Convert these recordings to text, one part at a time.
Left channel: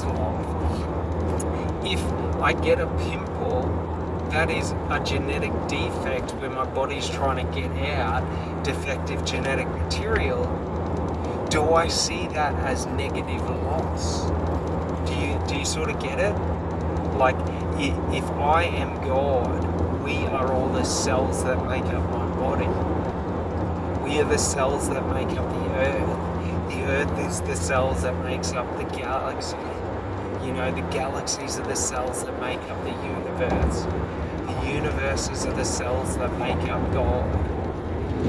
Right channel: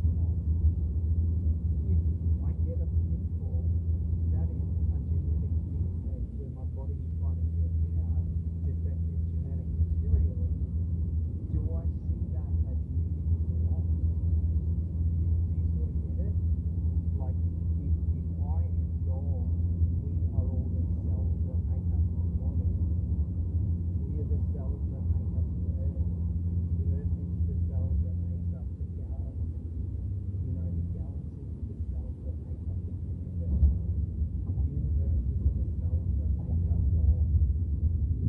this life. If I get a pimple, that is a genetic defect where my body's trying to get out defective genetic material. Do I see that as negative loss? Do you sort of get it? Like, if I am God, we are all the cells that make up my body. We are the cells that make up the earth. The earth is the cells that makes up the galaxy. You know, the galaxies are the cells that make up the universe. The universes are the cells that make up God.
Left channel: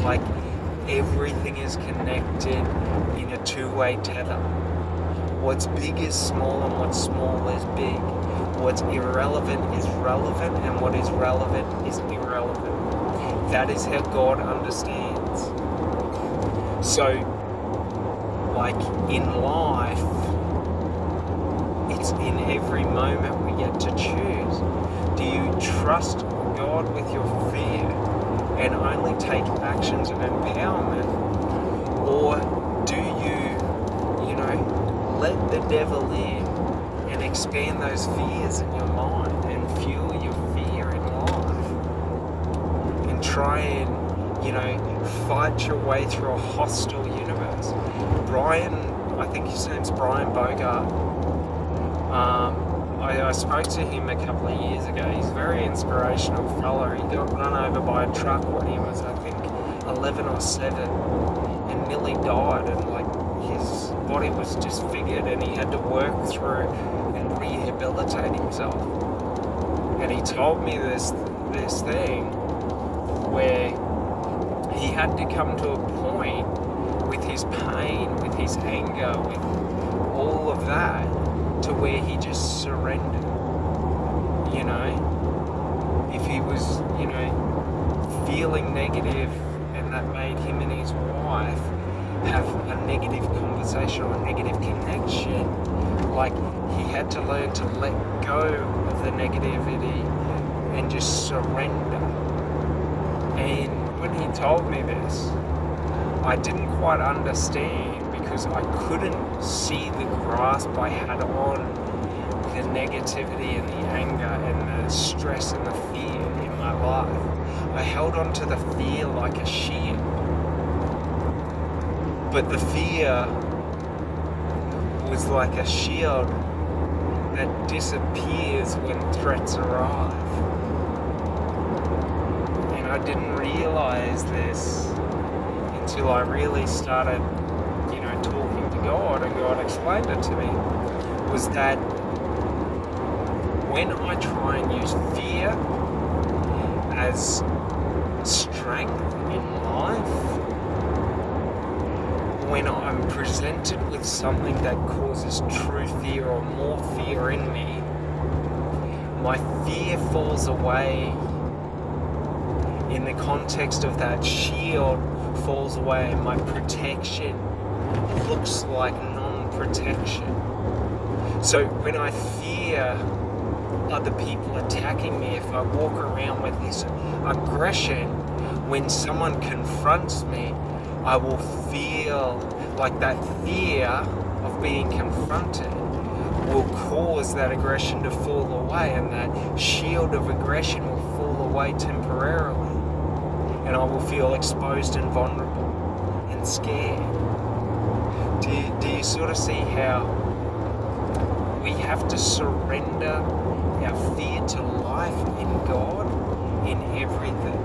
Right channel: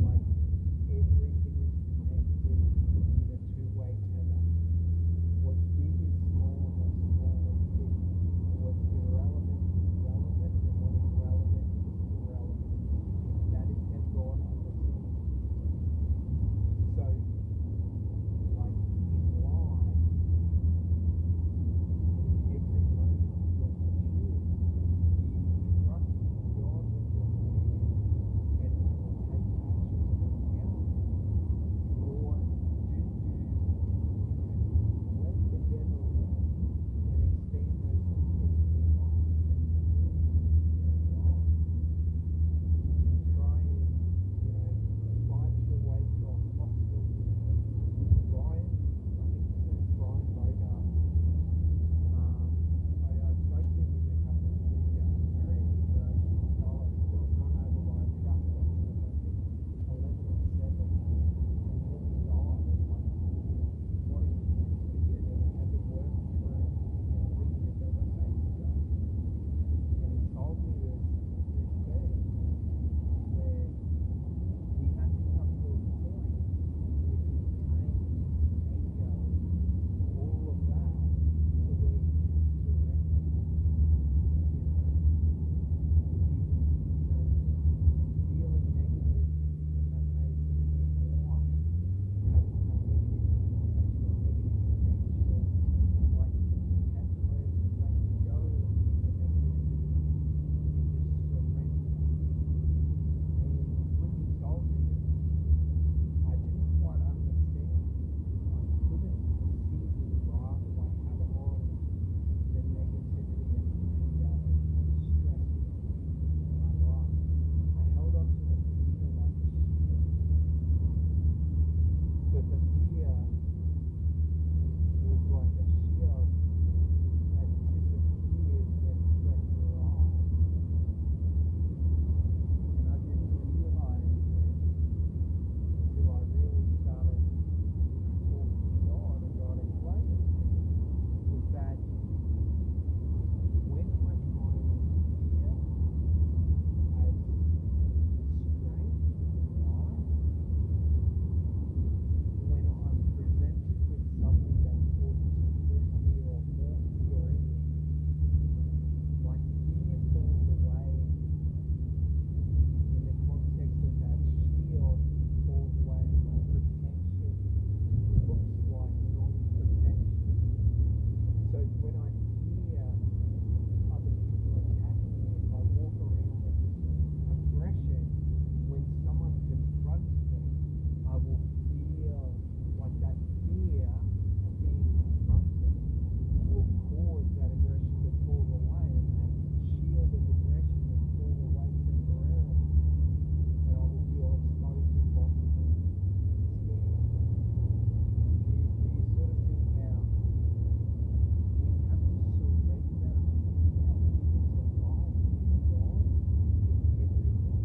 Like, everything is connected in a two-way tether. What's big is small and what's small is big. What's irrelevant is relevant and what is relevant is irrelevant. That is how God understands. So, like in life, it's in every moment we get to choose. Do you trust God with your fear and only take actions of empowerment? Or do you let the devil in and expand those fears in your mind and fuel your fear in life? And try and, fight your way through a hostile universe. Brian, I think his name's Brian Bogart. I spoke to him a couple of years ago. He's a very inspirational fella. He got run over by a truck when he was, I think, 11 or 7 and nearly died, and his body was disfigured and he had to work through and rehabilitate himself. And he told me this thing where he had to come to a point with his pain, with his anger, with all of that, to where he just surrendered. If he was, feeling negative and that made him and his wife have a negative conversation or a negative connection, he had to learn to let go of the negativity and just surrender. And when he told me this, I didn't quite understand, because I couldn't see the grasp I had on the negativity and the anger and the stress and the fear in my life. I held on to the fear like a shield. But the fear was like a shield that disappears when threats arrive. And I didn't realize this until I really started, talking to God, and God explained it to me, was that when I try and use fear as strength in life, when I'm presented with something that causes true fear or more fear in me, my fear falls away in the context of that shield falls away, and my protection looks like non-protection. So when I fear other people attacking me, if I walk around with this aggression, when someone confronts me, I will feel like that fear of being confronted will cause that aggression to fall away, and that shield of aggression will fall away temporarily, and I will feel exposed and vulnerable and scared. Do you sort of see how we have to surrender our fear to life in God in everything?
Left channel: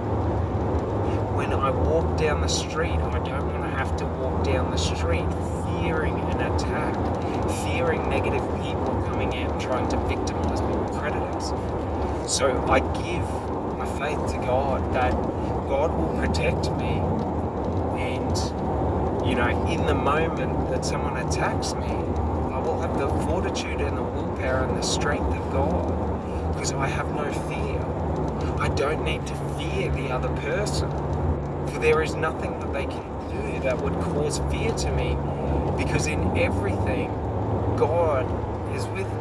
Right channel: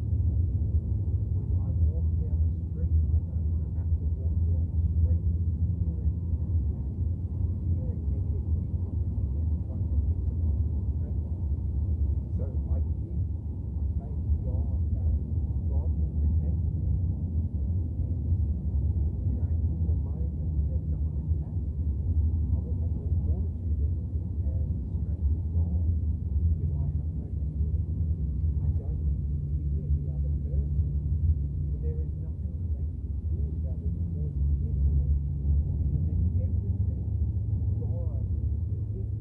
When I walk down the street, I don't want to have to walk down the street fearing an attack, fearing negative people coming out and trying to victimize me with predators. So I give my faith to God that God will protect me, and in the moment that someone attacks me, I will have the fortitude and the willpower and the strength of God, because I have no fear. I don't need to fear the other person, for there is nothing that they can do that would cause fear to me, because in everything, God is with me.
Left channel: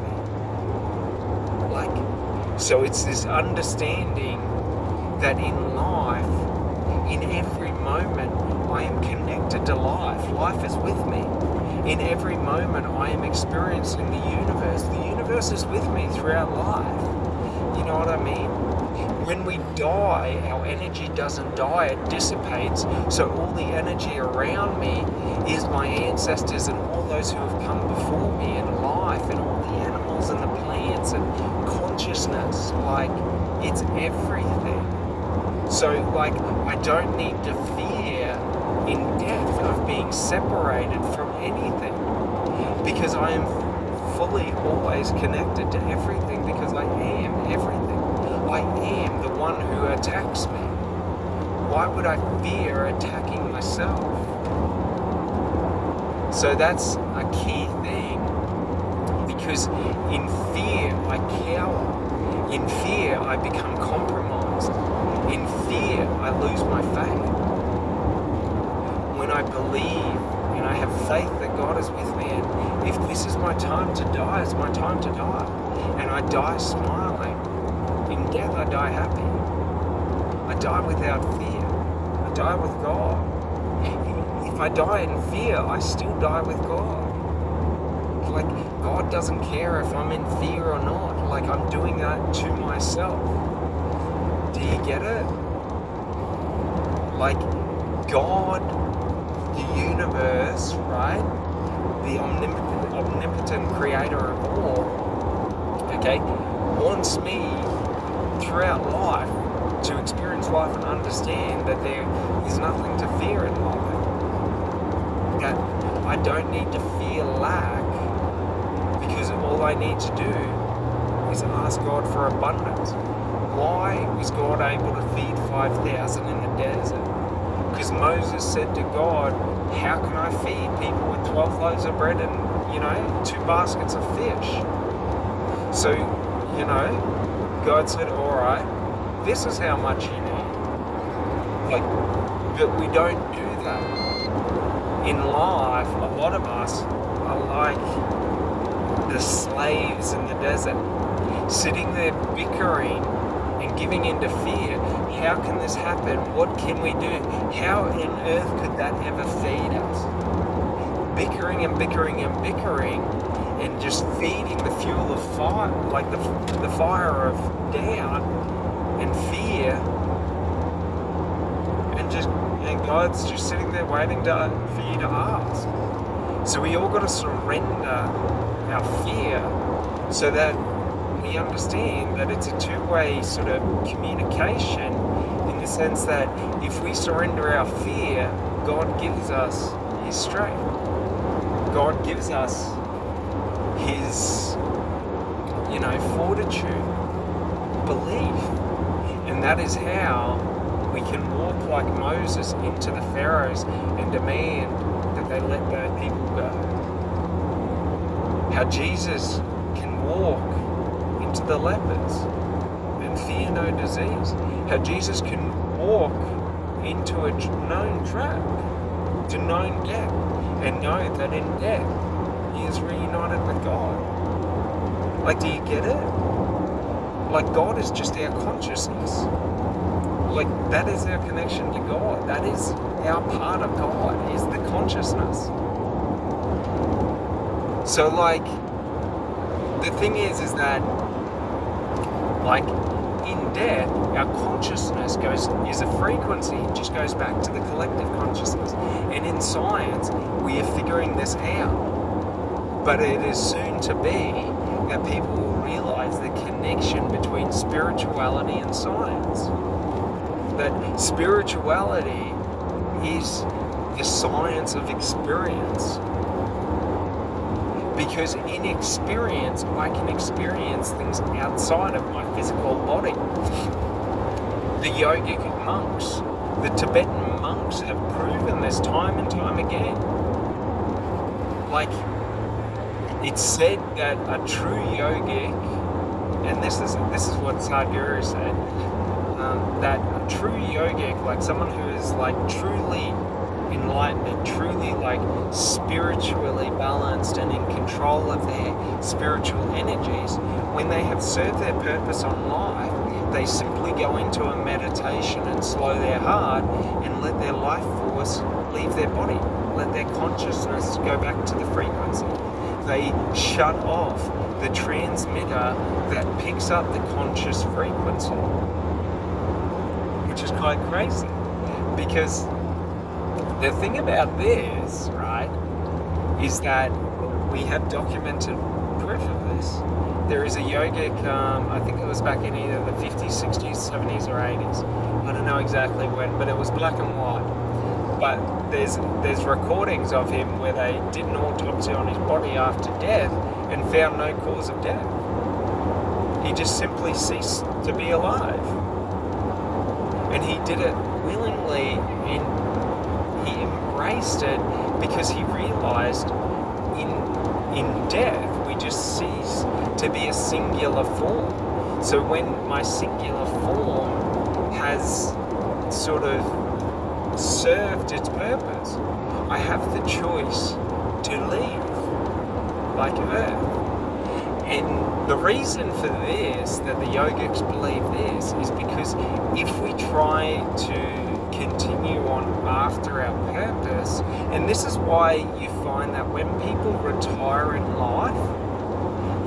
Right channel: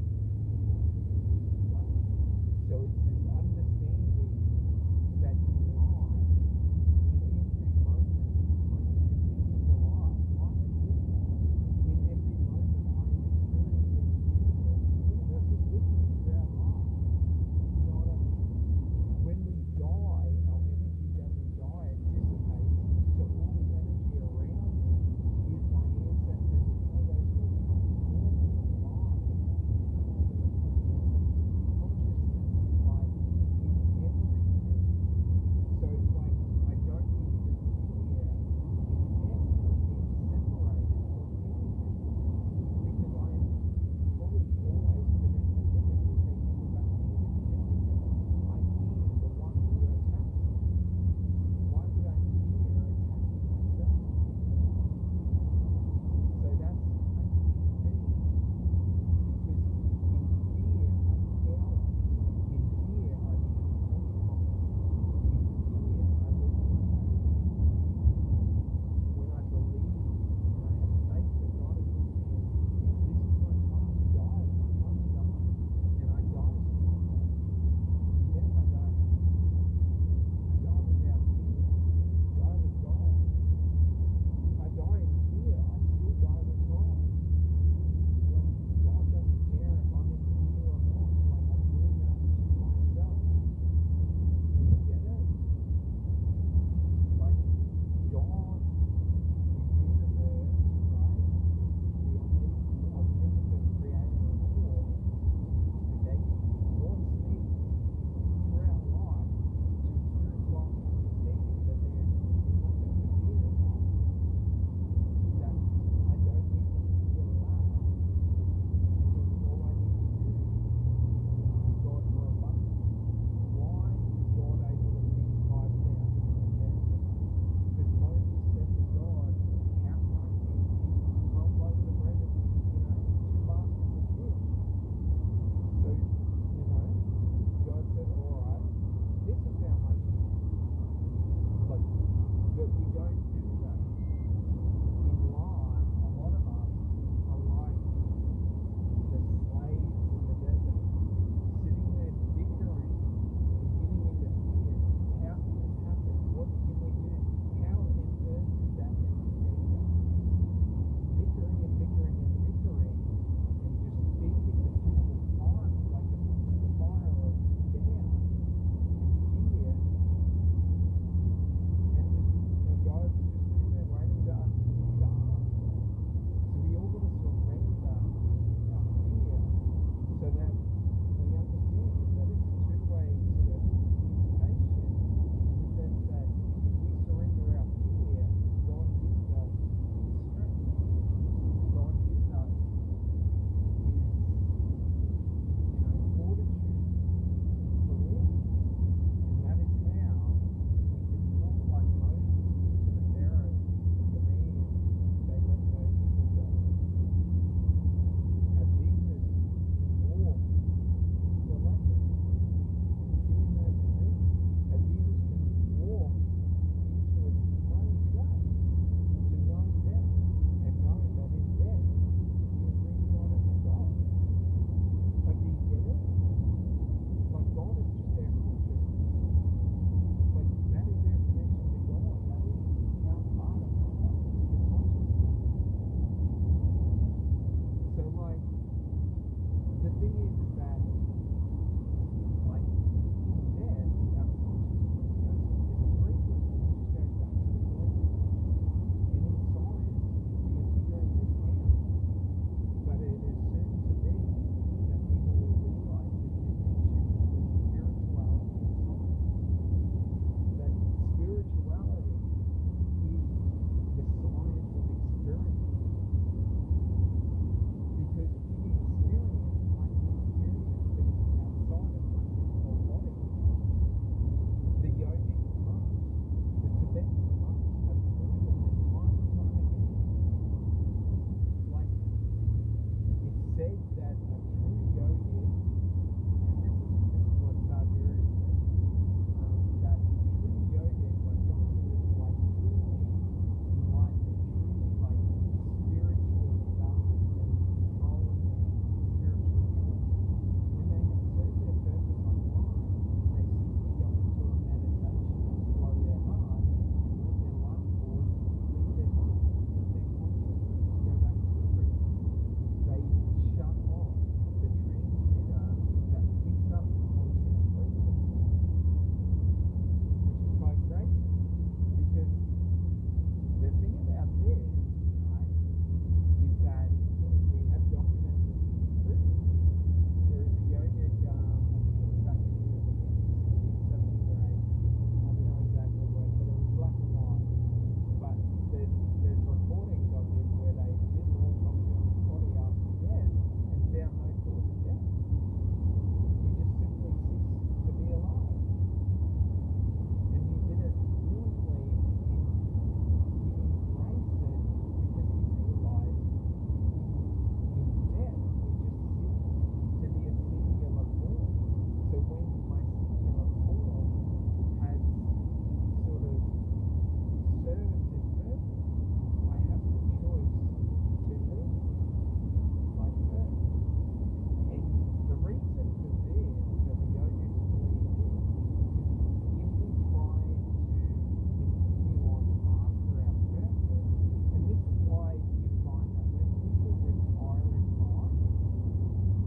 So it's this understanding that in life, in every moment, I am connected to life. Life is with me. In every moment, I am experiencing the universe. The universe is with me throughout life. You know what I mean? When we die, our energy doesn't die, it dissipates. So all the energy around me is my ancestors and all those who have come before me in life, and all the animals and the plants and consciousness. Like, it's everything. So, like, I don't need to fear in death of being separated from anything, because I am fully always connected to everything, because I am everything. I am the one who attacks me. Why would I fear attacking myself? So that's a key thing, because in fear I cower. In fear I become compromised. In fear I lose my faith. When I believe and I have faith that God is with me, and if this is my time to die, it's my time to die. And I die smiling. In death I die happy. I die without fear. I die with God. If I die in fear, I still die with God. Like, God doesn't care if I'm in fear or not. Like, I'm doing that to myself. Do you get it? Like, God, the universe, right? The omnipotent creator of all, okay, wants me throughout life to experience life and understand that there is nothing to fear in life. That I don't need to fear lack, because all I need to do is ask God for abundance. Why was God able to feed 5,000 in the desert? Because Moses said to God, how can I feed people with 12 loaves of bread and, 2 baskets of fish? So, God said, all right, this is how much you need. Like, but we don't do that. In life, a lot of us are like the slaves in the desert, sitting there bickering and giving into fear. How can this happen? What can we do? How on earth could that ever feed us? Bickering and bickering and bickering, and just feeding the fuel of fire, like the fire of doubt and fear, and God's just sitting there waiting for you to ask. So we all got to surrender our fear, so that we understand that it's a two-way sort of communication, in the sense that if we surrender our fear, God gives us His strength. God gives us His, fortitude, belief. And that is how we can walk like Moses into the Pharaohs and demand that they let their people go. How Jesus can walk into the lepers and fear no disease. How Jesus can walk into a known trap, to known death, and know that in death he is reunited with God. Like, do you get it? Like, God is just our consciousness. Like, that is our connection to God. That is our part of God, is the consciousness. So, like, the thing is that, like, in death, our consciousness is a frequency. It just goes back to the collective consciousness. And in science, we are figuring this out. But it is soon to be that people will realize the connection between spirituality and science. That spirituality is the science of experience. Because in experience, I can experience things outside of my physical body. The yogic monks, the Tibetan monks have proven this time and time again. Like, it's said that a true yogic, and this is what Sadhguru said, that a true yogic, like someone who is like truly enlightened and truly like spiritually balanced and in control of their spiritual energies, when they have served their purpose on life, they simply go into a meditation and slow their heart and let their life force leave their body, let their consciousness go back to the frequency. They shut off the transmitter that picks up the conscious frequency, which is quite crazy. Because the thing about this, right, is that we have documented proof of this. There is a yogic, I think it was back in either the 50s, 60s, 70s, or 80s. I don't know exactly when, but it was black and white. But there's recordings of him where they did an autopsy on his body after death and found no cause of death. He just simply ceased to be alive. And he did it willingly, and he embraced it because he realized in death we just cease to be a singular form. So when my singular form has sort of served its purpose, I have the choice to leave, like Earth. And the reason for this, that the yogics believe this, is because if we try to continue on after our purpose, and this is why you find that when people retire in life,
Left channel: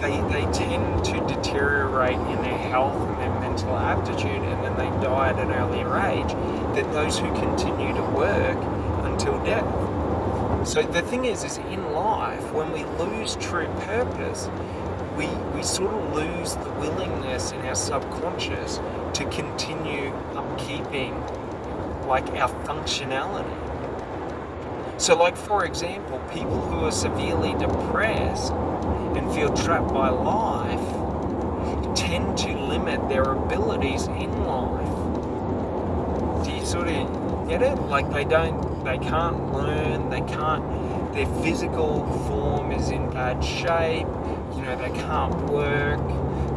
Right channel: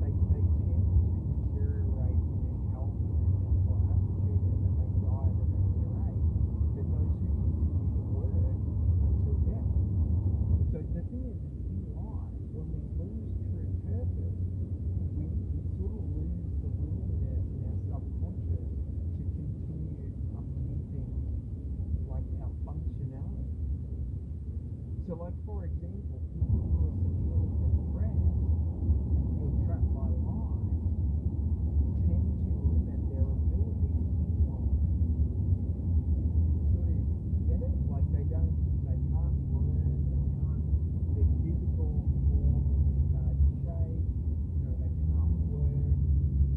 they tend to deteriorate in their health and their mental aptitude, and then they die at an earlier age than those who continue to work until death. So the thing is in life, when we lose true purpose, we sort of lose the willingness in our subconscious to continue upkeeping like our functionality. So like, for example, people who are severely depressed and feel trapped by life tend to limit their abilities in life. Do you sort of get it? Like they can't learn, their physical form is in bad shape, they can't work,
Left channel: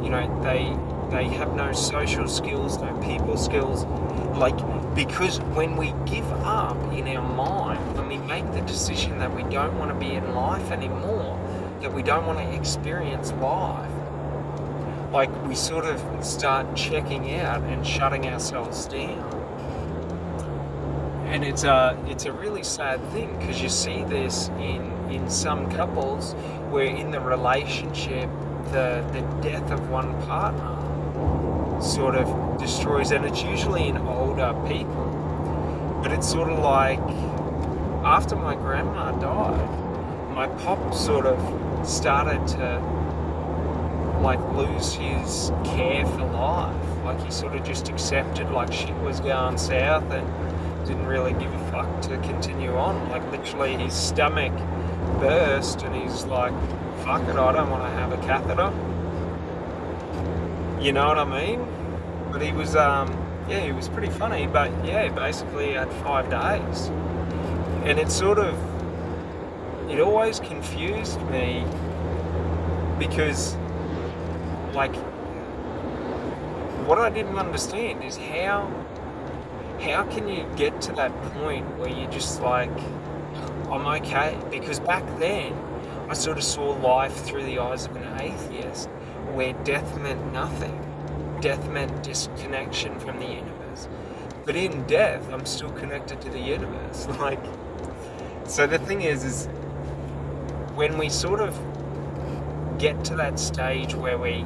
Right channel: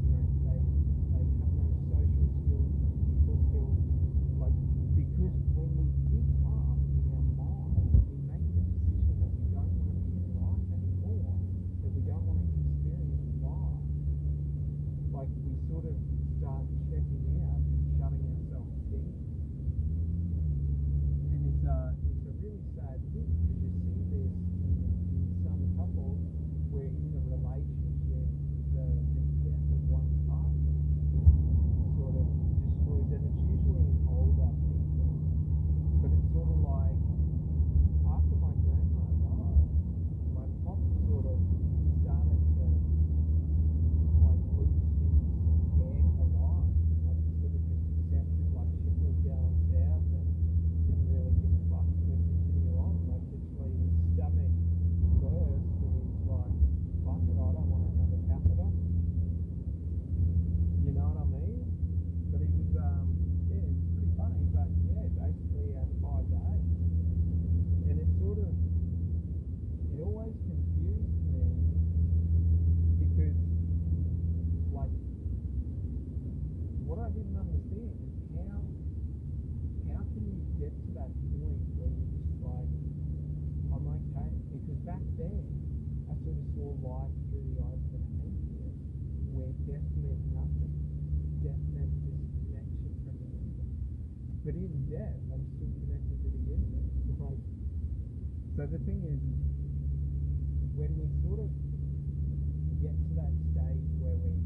they have no social skills, no people skills, because when we give up in our mind, when we make the decision that we don't want to be in life anymore, that we don't want to experience life, we sort of start checking out and shutting ourselves down. And it's a really sad thing, because you see this in some couples where in the relationship the death of one partner sort of destroys, and it's usually in older people. But it's sort of like after my grandma died, my pop sort of started to lose his care for life. He sort of just accepted shit was going south and didn't really give a fuck to continue on. Literally his stomach burst and he's like, fuck it, I don't want to have a catheter. You know what I mean? But he was, he was pretty funny, but yeah, basically he had 5 days. And it always confused me, because what I didn't understand is how can you get to that point where you're just I'm okay? Because back then, I sort of saw life through the eyes of an atheist, where death meant nothing. Death meant disconnection from the universe. But in death, I'm still connected to the universe. So the thing is when we sort of get to that stage where we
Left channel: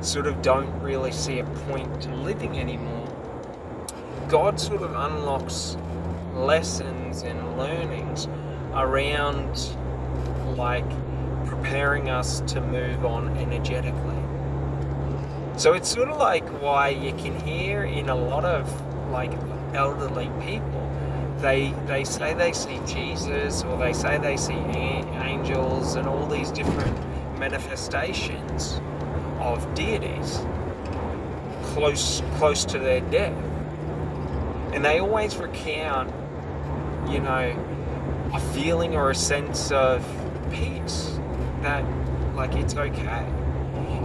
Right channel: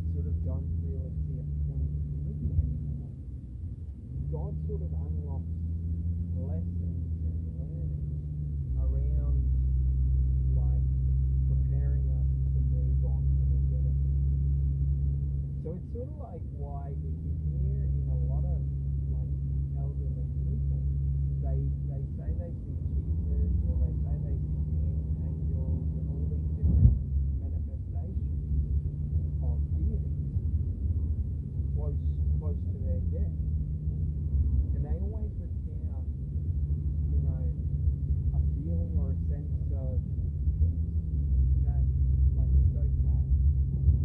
sort of don't really see a point to living anymore, God sort of unlocks lessons and learnings around preparing us to move on energetically. So it's sort of why you can hear in a lot of elderly people, they say they see Jesus, or they say they see angels and all these different manifestations of deities close to their death. And they always recount, a feeling or a sense of peace, that it's okay.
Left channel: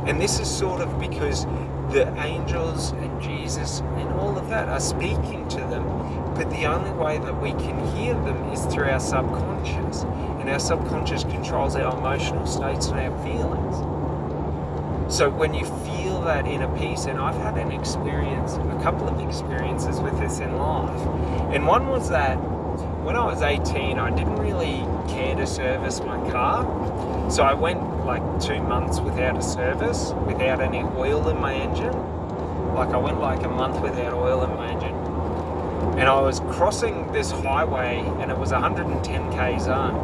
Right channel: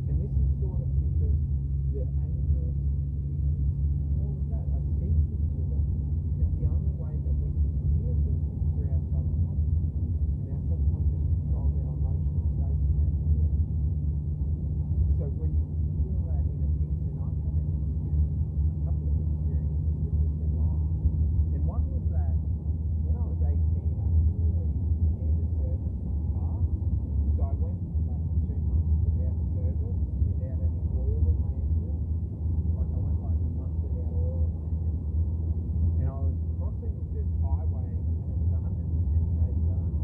And this is sort of because the angels and Jesus and all of that are speaking to them, but the only way that we can hear them is through our subconscious, and our subconscious controls our emotional states and our feelings. So when you feel that inner peace, and I've had a couple of experiences with this in life, and one was that when I was 18, I didn't really care to service my car. So I went like 2 months without a service, without any oil in my engine. Like I went like a month without oil in my engine. And I was crossing this highway and it was 110k zone.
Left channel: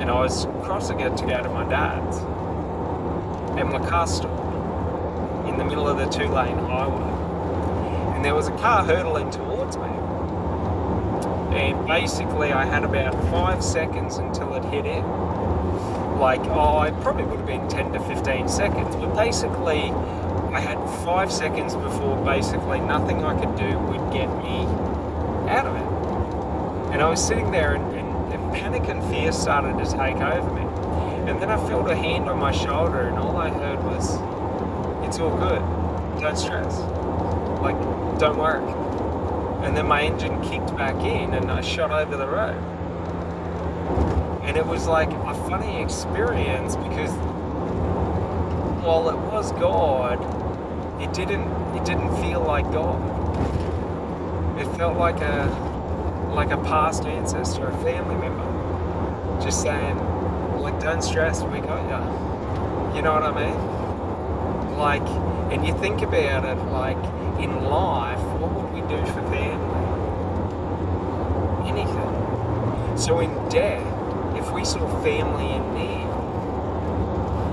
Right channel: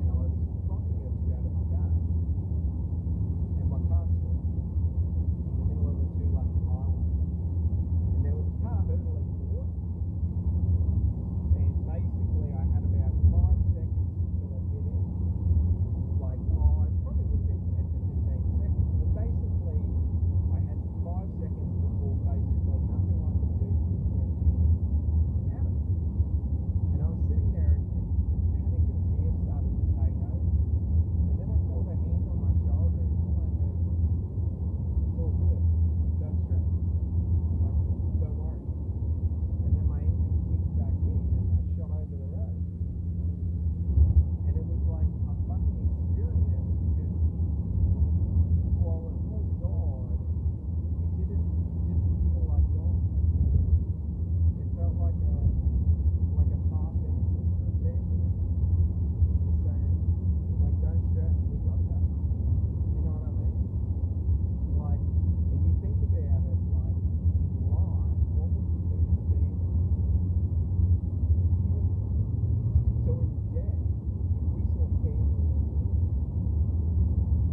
And I was crossing it to go to my dad's. And my car stopped in the middle of the 2-lane highway. And there was a car hurtling towards me. And basically I had about 5 seconds until it hit him. Like, it probably would have been 10 to 15 seconds, but basically I had 5 seconds before basically nothing I could do would get me out of it. And I was sitting there and panic and fear started to take over me. And then I felt a hand on my shoulder and all I heard was, "It's all good, don't stress, like, don't worry." And then my engine kicked back in and I shot over the road. And it was like a funny experience because while it was God, it didn't feel like God. It felt like a past ancestor, a family member, just saying, like, "Don't stress, we got ya." You know what I mean? Like, and you think about it, like, in life, what would we do for family? Anything. So in death, if we saw family in need,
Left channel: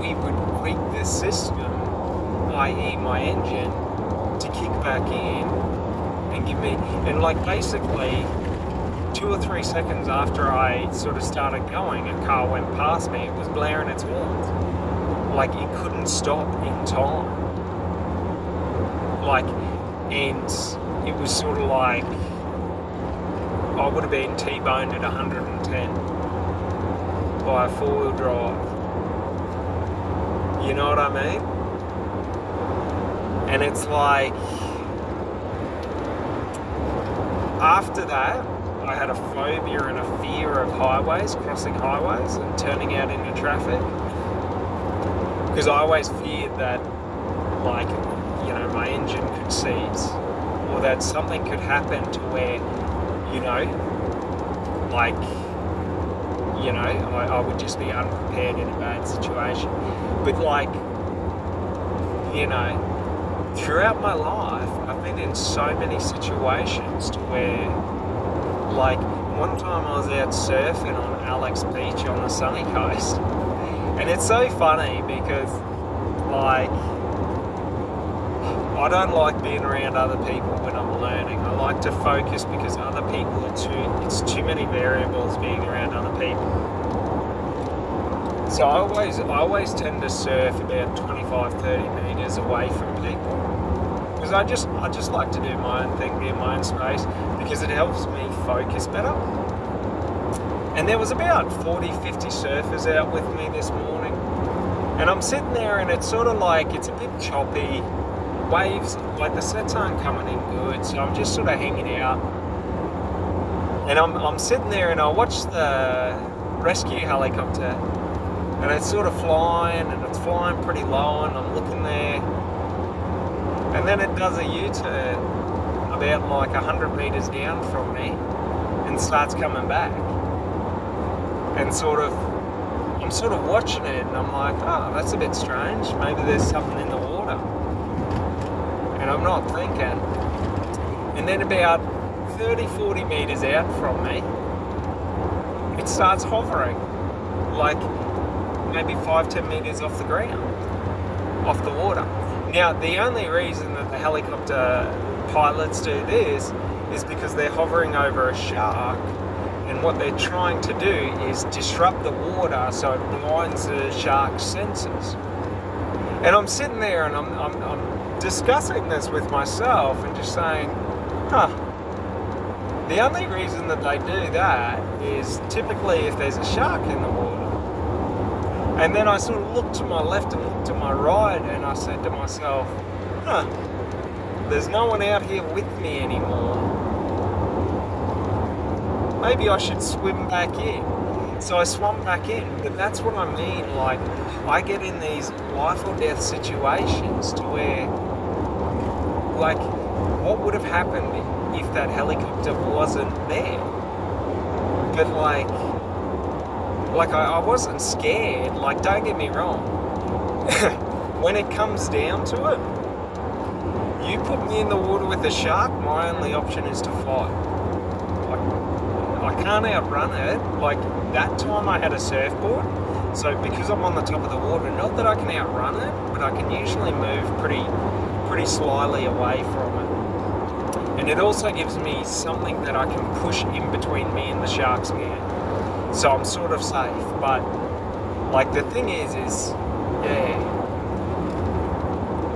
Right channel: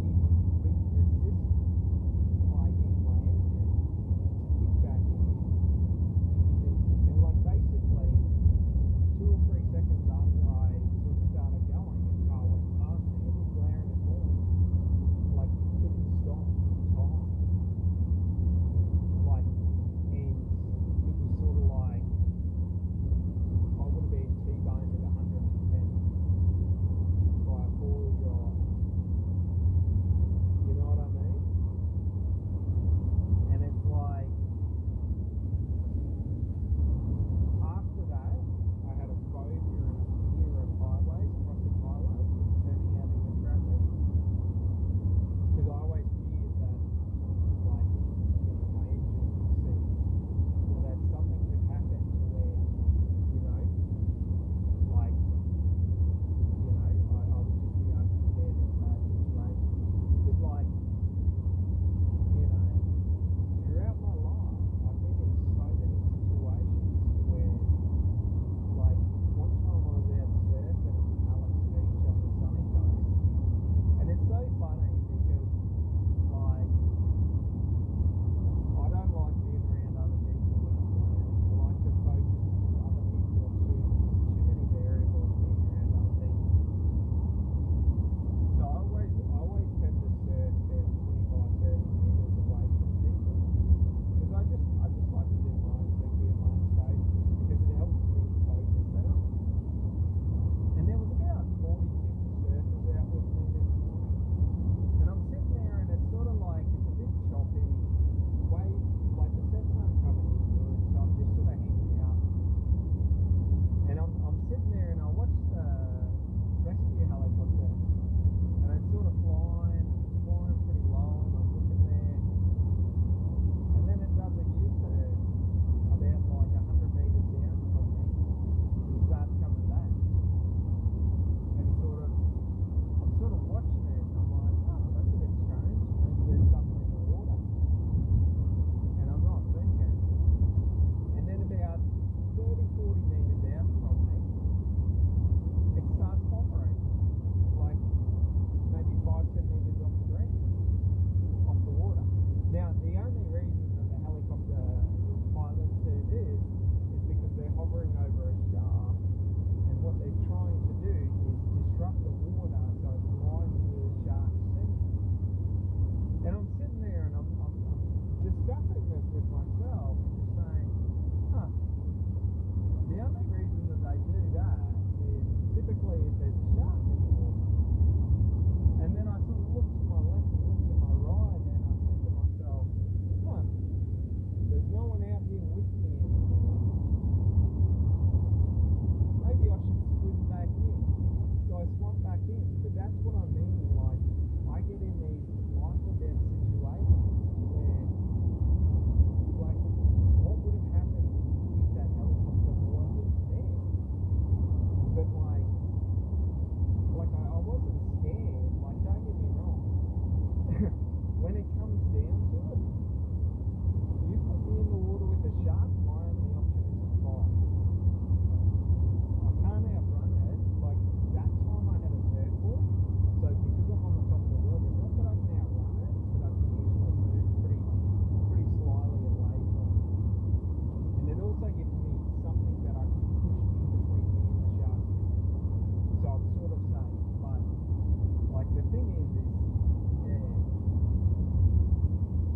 we would rig the system, i.e. my engine, to kick back in and give me, and like basically 2 or 3 seconds after I sort of started going, a car went past me, it was blaring its horns. Like it couldn't stop in time. Like, and it was sort of like, I would have been T-boned at 110 by a 4-wheel drive. You know what I mean? And it's like, after that, I had a phobia and a fear of highways, crossing highways and turning out into traffic. Because I always feared that, like, you know, my engine could seize, or that something could happen to where, you know, like, you know, I would just be unprepared in a bad situation. But like, you know, throughout my life, I've been in so many situations to where, like, one time I was out surfing on Alex Beach on the sunny coast. And it's so funny because, like, I don't like being around other people when I'm learning. I like to focus because other people it's too many variables being around other people. So I always tend to surf about 25-30 meters away from people. Because I just like to do my own thing, be in my own space, because it helps me focus better. And there was about 40-50 surfers out with me this morning. And I'm sitting there and it's sort of like, it's a bit choppy. Waves, like the sets aren't coming in good, so I'm just sort of hanging out. And I'm sitting there and I watch the rescue helicopter and it's sort of flying and it's flying pretty low and I'm looking there. And then it does a U-turn about like 100 meters down from me and starts coming back. And I'm sort of watching it and I'm like, oh, that's a bit strange. Maybe there's something in the water. And I'm not thinking. And then about 30-40 meters out from me, it starts hovering, like maybe 5-10 meters off the ground, off the water. Now, the only reason that the helicopter pilots do this is because they're hovering over a shark, and what they're trying to do is disrupt the water so it blinds the shark's senses. And I'm sitting there and I'm discussing this with myself and just saying, the only reason that they do that is typically if there's a shark in the water. And then I sort of looked to my left and looked to my right and I said to myself, there's no one out here with me anymore. Maybe I should swim back in. So I swam back in, but that's what I mean, like, I get in these life or death situations to where, like, what would have happened if that helicopter wasn't there? But I wasn't scared. Like, don't get me wrong. When it comes down to it, you put me in the water with a shark, my only option is to fight. I can't outrun it. Like, that time I had a surfboard, so because I'm on the top of the water, not that I can outrun it, but I can usually move pretty slyly away from it. And it also gives me something that I can push in between me and the shark's mouth. So I'm sort of safe. But, like, the thing is, yeah,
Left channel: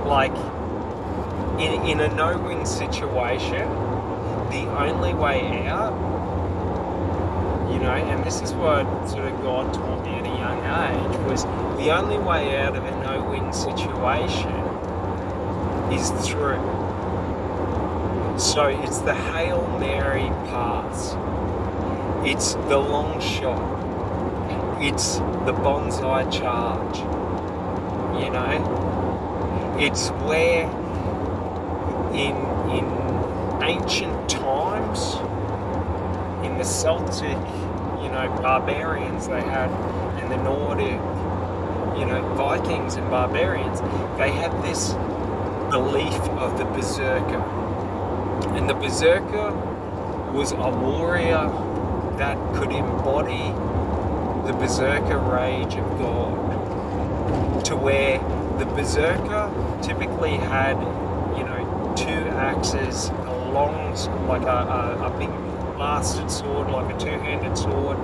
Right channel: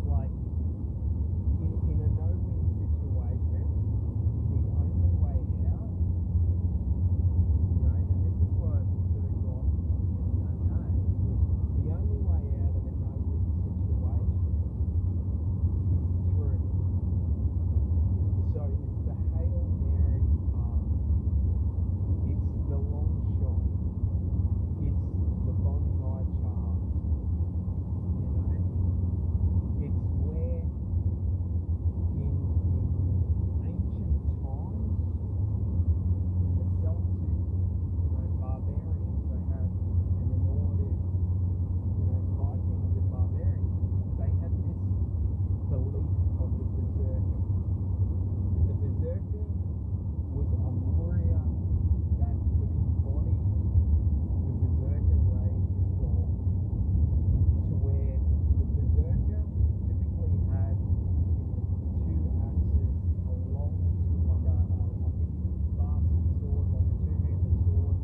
like, in a no-win situation, the only way out, you know, and this is what sort of God taught me at a young age, was the only way out of a no-win situation is through. So it's the Hail Mary pass. It's the long shot. It's the bonsai charge. You know? It's where in ancient times, in the Celtic, you know, barbarians they had, and the Nordic, you know, Vikings and barbarians, they had this belief of the berserker. And the berserker was a warrior that could embody the berserker rage of God, to where the berserker typically had, you know, 2 axes, a long, like a big blasted sword, like a 2-handed sword,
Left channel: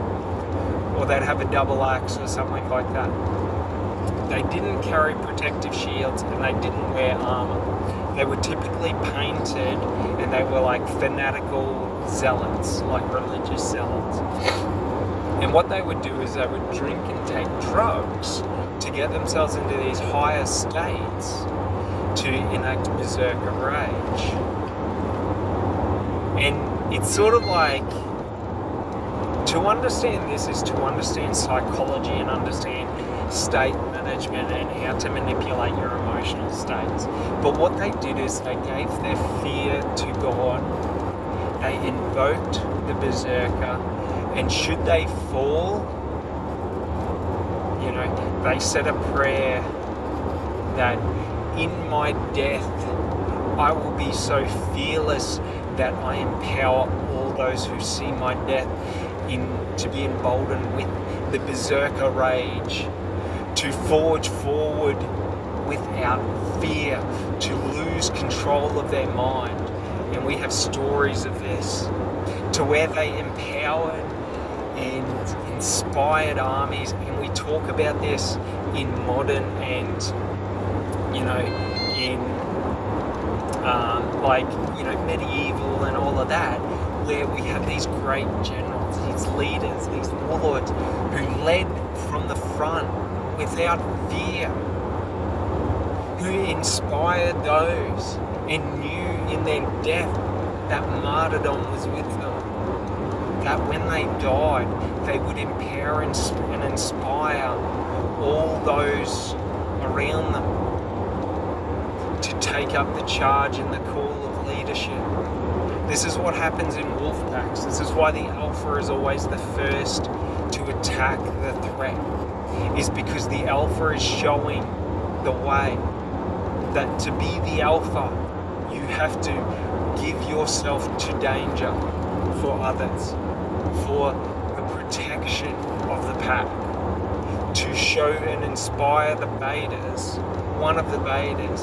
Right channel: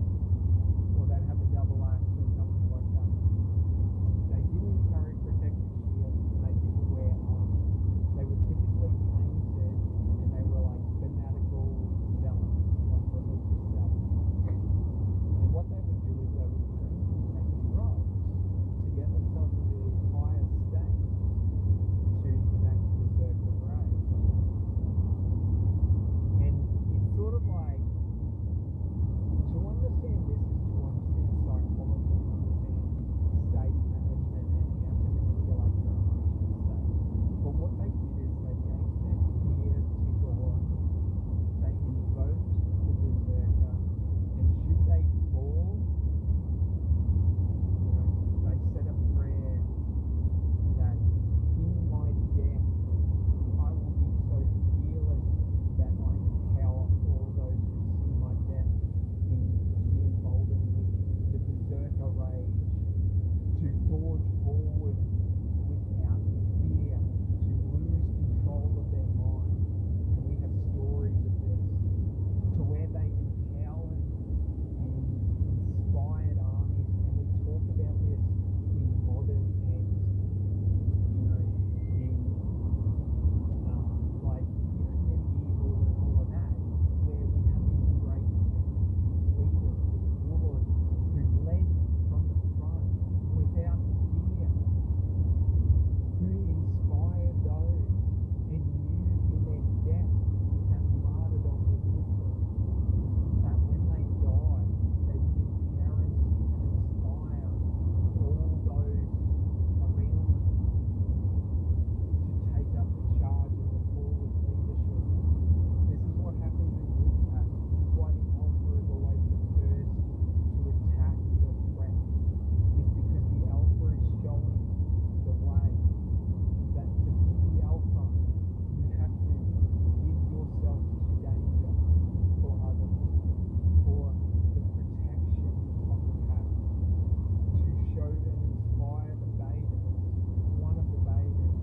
or they'd have a double axe or something like that. They didn't carry protective shields and they didn't wear armor. They were typically painted and they were like fanatical zealots, like religious zealots. And what they would do is they would drink and take drugs to get themselves into these higher states to enact berserker rage. And it's sort of like, to understand this is to understand psychology and understand state management and how to manipulate your emotional states. But what they did is they gave their fear to God. They invoked the berserker, and should they fall, you know, they said a prayer that in my death I will be so fearless that I empower all those who see my death to be emboldened with the berserker rage, to forge forward without fear, to lose control of their mind. And we have stories of this, to where they empowered and inspired armies. And we talk about this in modern and, you know, in like, you know, medieval and all of that, where we have these great generals, these leaders, these warlords who led from the front without fear, who inspired those and knew in their death that martyrdom was with them, that when they died they would empower and inspire all those around them to take up the charge and the call of leadership. This is what happens in wolf packs. This is why the alpha is always the first to attack the threat, is because the alpha is showing the way that to be the alpha, you have to give yourself to danger for others, for the protection of the pack, to show and inspire the betas, one of the betas,